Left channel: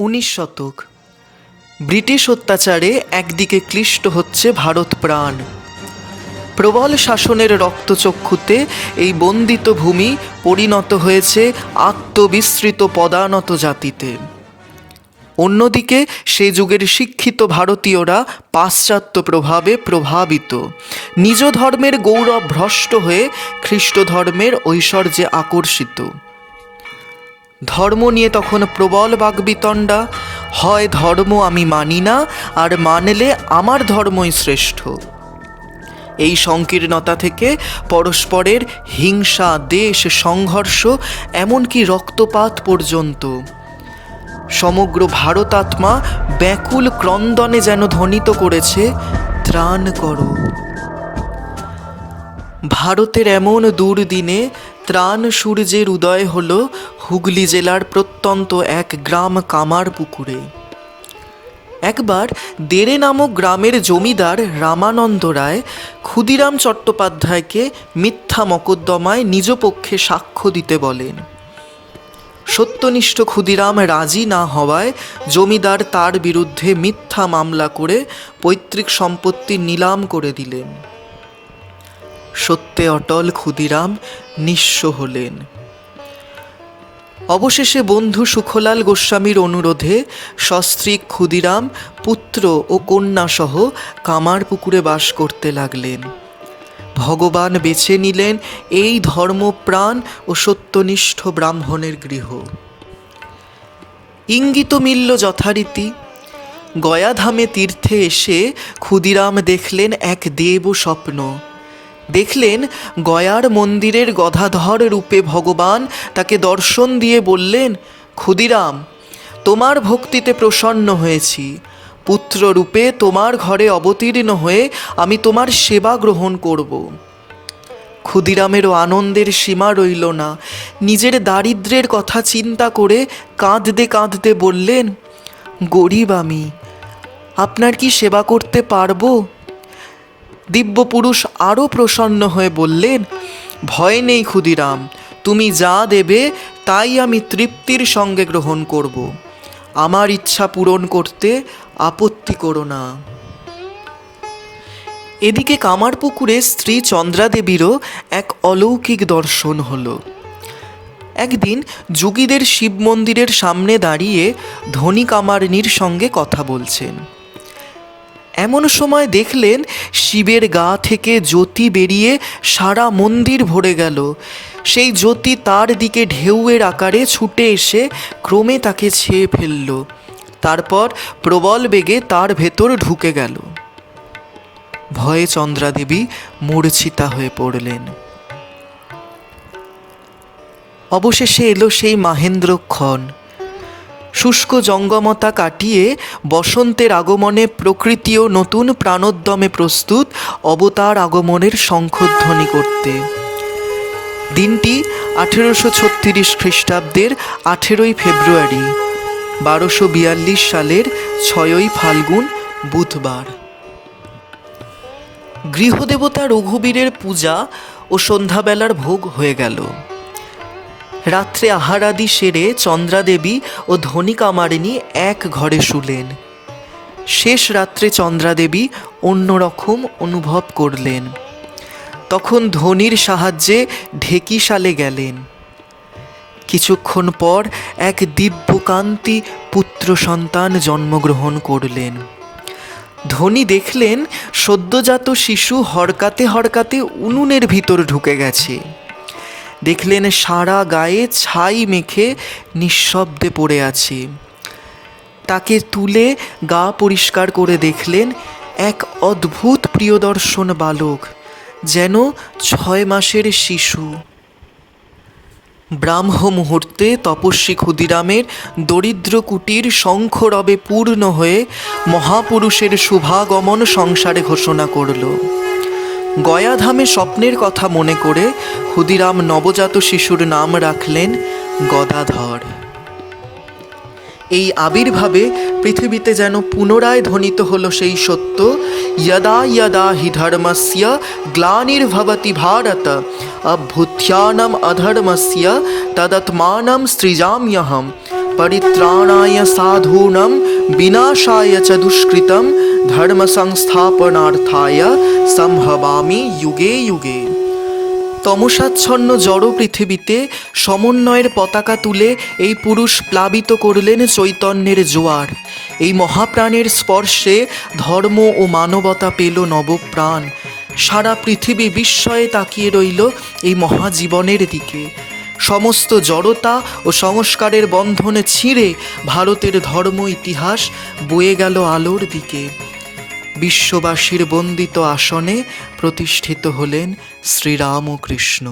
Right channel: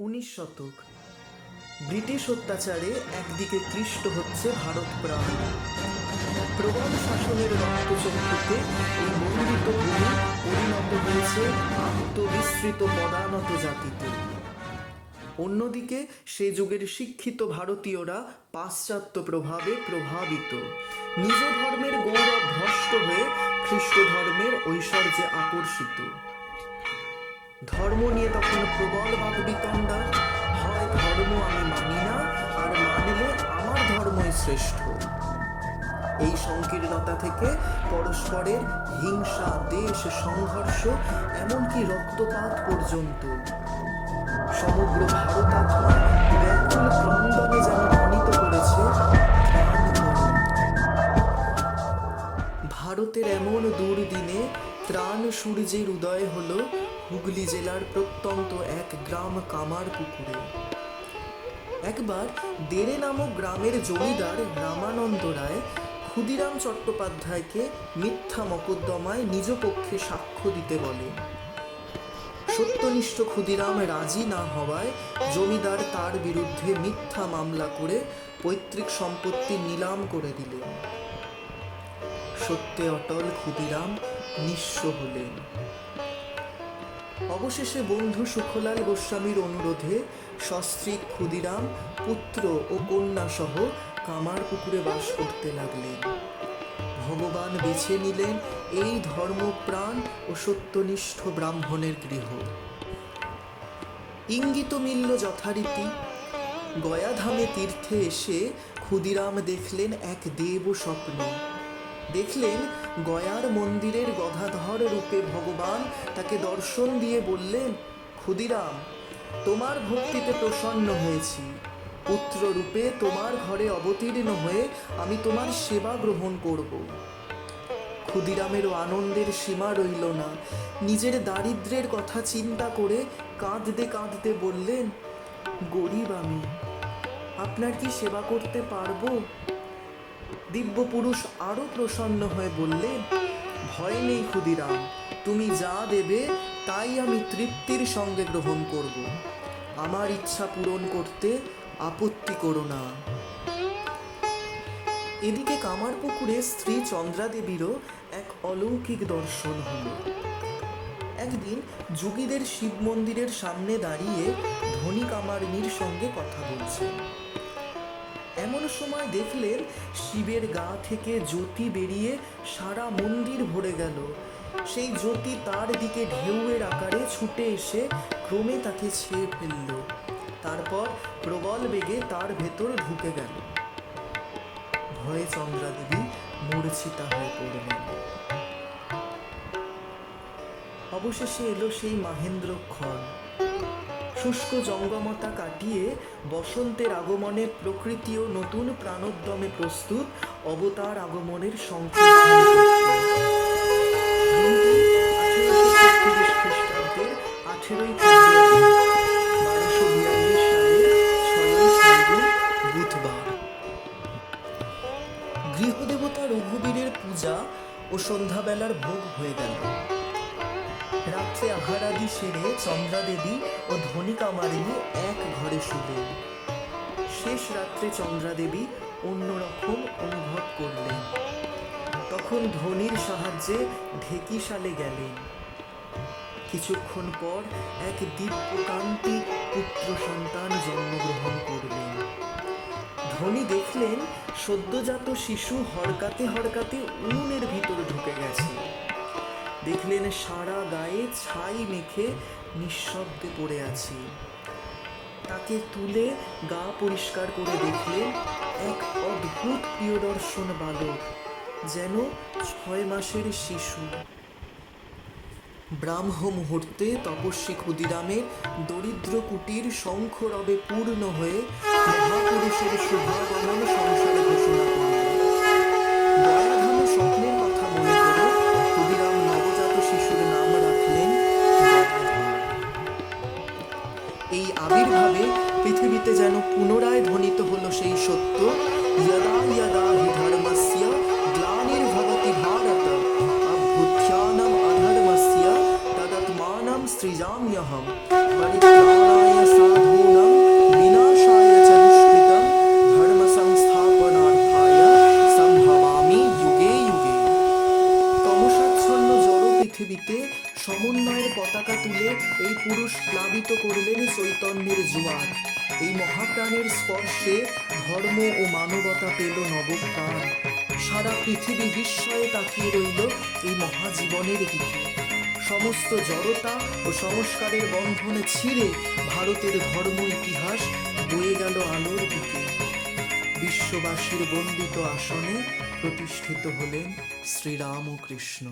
উনিশ শতক। ব্রিটিশ অত্যাচারে একদিকে ক্লিষ্ট হচ্ছে ভারত প্রাণ। প্রবল শাসনের রক্তচক্ষুতে এই বন্দিত ভূমি পরিণত হয়েছে আত্মবিস্তৃত পদানত জাতিতে। অন্যদিকে সে যুগের শিক্ষিত ভারতীয়রা পাশ্চাত্য প্রভাবে প্রভাবিত। নিজ ধর্মের গৌরব ভ্রষ্ট হয়ে খ্রিস্ট ধর্মের ঐশ্বর্যে আকর্ষিত। ধর্ম নিয়ে তখন প্রবল বাগবিতণ্ডা। হয় ধর্ম আমি মানি না, আর মানলে আমার ধর্মই শ্রেষ্ঠ। এই সংকীর্ণতা থেকে পরস্পরের হিংসা, দেশ, সংঘর্ষ, এমনকি রক্তপাত পর্যন্ত। সমগ্র ভারতাত্মা ব্যাকুল ক্রন্দনে যেন ধ্বনিত করেছে, ত্রাণ করো। ভারতের এমন দুর্দিনে ত্রাণ সূর্যের উদয় হল হুগলি জেলার প্রত্যন্ত এক গ্রাম কামার পুকুরে। একবার দেরে নামক গ্রামের জমিদার রামানন্দ রায় ক্ষুদিরাম চট্টোপাধ্যায়কে মিথ্যা মকদ্দমায় নিজ পক্ষে সাক্ষ্য দিতে বলেন। সত্যনিষ্ঠ ক্ষুদিরাম রাজি না হওয়ায় জমিদার তার বিরুদ্ধে মিথ্যা মামলা করে পৈতৃক সম্পত্তি নিলাম করে দিলেন। সত্যে অটল ক্ষুদিরাম নিঃস্ব হলেন। অবশেষে বন্ধু সুখলাল গোস্বামীর অনুরোধে সস্ত্রী ক্ষুদিরাম, পুত্র ও কন্যা সহ কামার পুকুরে বাস করতে লাগলেন। ভগবান বেছে নিলেন এই ধর্মপ্রাণ ও সত্যনিষ্ঠ ব্রাহ্মণের গৃহ। ইঙ্গিত মিলল যথারীতি। গয়াধামে তীর্থে এসে ক্ষুদিরাম দেখলেন এক দেব স্বপ্ন দেখলেন গয়ার মন্দিরের গদাধর রূপে ভগবান তাকে দর্শন দিয়ে বললেন, ক্ষুদিরাম, তোমার ভক্তিতে প্রসন্ন হয়েছি। পুত্র রূপে তোমার ঘরে অবতীর্ণ হয়ে আমি তোমার সেবা গ্রহণ করব। ক্ষুদিরামেরও আনন্দের সীমা রইল না। নিজের দারিদ্র্যের কথা চিন্তা করে কাঁদতে কাঁদতে বললেন, গরিব আমি, আপনার কি সেবা করতে পারব? দিব্যপুরুষ আরও প্রসন্ন হয়ে বললেন, ভয় নেই ক্ষুদিরাম, তুমি যা দেবে তাই আমি তৃপ্তির সঙ্গে গ্রহণ করব। আমার ইচ্ছা পূরণ করতে আপত্তি করো না এদিকে কামারপুকুরে স্ত্রী চন্দ্রাদেবীরও এক অলৌকিক দর্শন হলো। একদিন যোগীদের শিব মন্দিরের সামনে দাঁড়িয়ে ধনী কামারিনীর সঙ্গে কথা বলছেন। এমন সময় দেখলেন শিবের গা থেকে জ্যোতি বেরিয়ে সারা মন্দির ভরে গেল। সেই জ্যোতি তার দিকে ঢেউয়ের আকারে ছুটে এসে ক্রমে তাকে ছেয়ে ফেলল। তারপর প্রবল বেগে তার ভেতর ঢুকে গেল। ভয়ে চন্দ্রাদেবী মূর্ছিতা হয়ে পড়লেন। অবশেষে এলো সেই মাহেন্দ্রক্ষণ। শুষ্ক জঙ্গমতা কাটিয়ে বসন্তের আগমনে প্রকৃতিও নতুন প্রাণোদ্যমে প্রস্তুত অবতার আগমনের শঙ্খধ্বনি করতে। দিনটি আঠেরোশো ছত্রিশ খ্রিস্টাব্দের আঠেরোই ফেব্রুয়ারি, বারোশো বিয়াল্লিশ সালের ছয়ই ফাল্গুন, বুধবার। গৃহদেবতা রঘুবীরের পূজা ও সন্ধ্যাবেলার ভোগ হয়ে গেল। রাত্রে আহারাদি সেরে চন্দ্রাদেবী ও ধনী কামারিনী এক ঘরে শুলেন। শেষ রাত্রে চন্দ্রাদেবী অন্যরকম অনুভব করলেন। তখন ধনির সাহায্যে ঢেকিশালে গেলেন। কিছুক্ষণ পর এক দিব্যকান্তি পুত্র সন্তান জন্মগ্রহণ করলেন। ধনী দেখলেন সদ্যজাত শিশু হরকাতে হরকাতে উনুনের ভিতর ঢুকে গেছে। দেখলেন সারা গায়ে ছাই মেখে নিঃশব্দে পড়ে আছে। তাকে তুলে গা পরিষ্কার করে দেখলেন এক অদ্ভুত প্রিয়দর্শন বালক, যেন ছয় মাসের শিশু। ব্রাহ্ম মুহূর্তে তপস্বী ক্ষুদিরামের দরিদ্র কুটির শঙ্খরবে পূর্ণ হয়ে মহাপুরুষের শুভাগমন সংসারে ঘোষণা করল। গয়াধামে স্বপ্নের কথা মনে করে ক্ষুদিরাম নবজাত শিশুর নাম রাখলেন গদাধর। এই আবির্ভাবে পৃথিবীতে যেন পুনরায় ধ্বনিত হল সেই সত্য, ইয়দা ইয়দা হি ধর্মস্য গ্লানির্ভবতি ভারত অভ্যুথ্যানম অধর্মস্য তদত্মানম সৃজাম্যহম পরিত্রাণায় সাধুনম বিনাশায় চ দুষ্কৃতম ধর্ম সংস্থাপনার্থায় সম্ভবামি যুগে যুগে তমসাচ্ছন্ন জড় পৃথিবীতে সমন্বয়ের পতাকা তুলে এই পুরুষ প্লাবিত করলেন চৈতন্যের জোয়ার। এই মহাপ্রাণের স্পর্শে ধর্ম ও মানবতা পেল নবপ্রাণ। সারা পৃথিবী বিস্ময়ে তাকিয়ে রইল এই মহাজীবনের দিকে। সমস্ত জড়তা ও সংস্কারের বন্ধনে ছিঁড়ে ভারতের ধর্ম ইতিহাস বয়ে গেল আলোর দিকে। বিশ্ববাসীর বন্দিত আসনে প্রতিষ্ঠিত হলেন শ্রীরামকৃষ্ণ।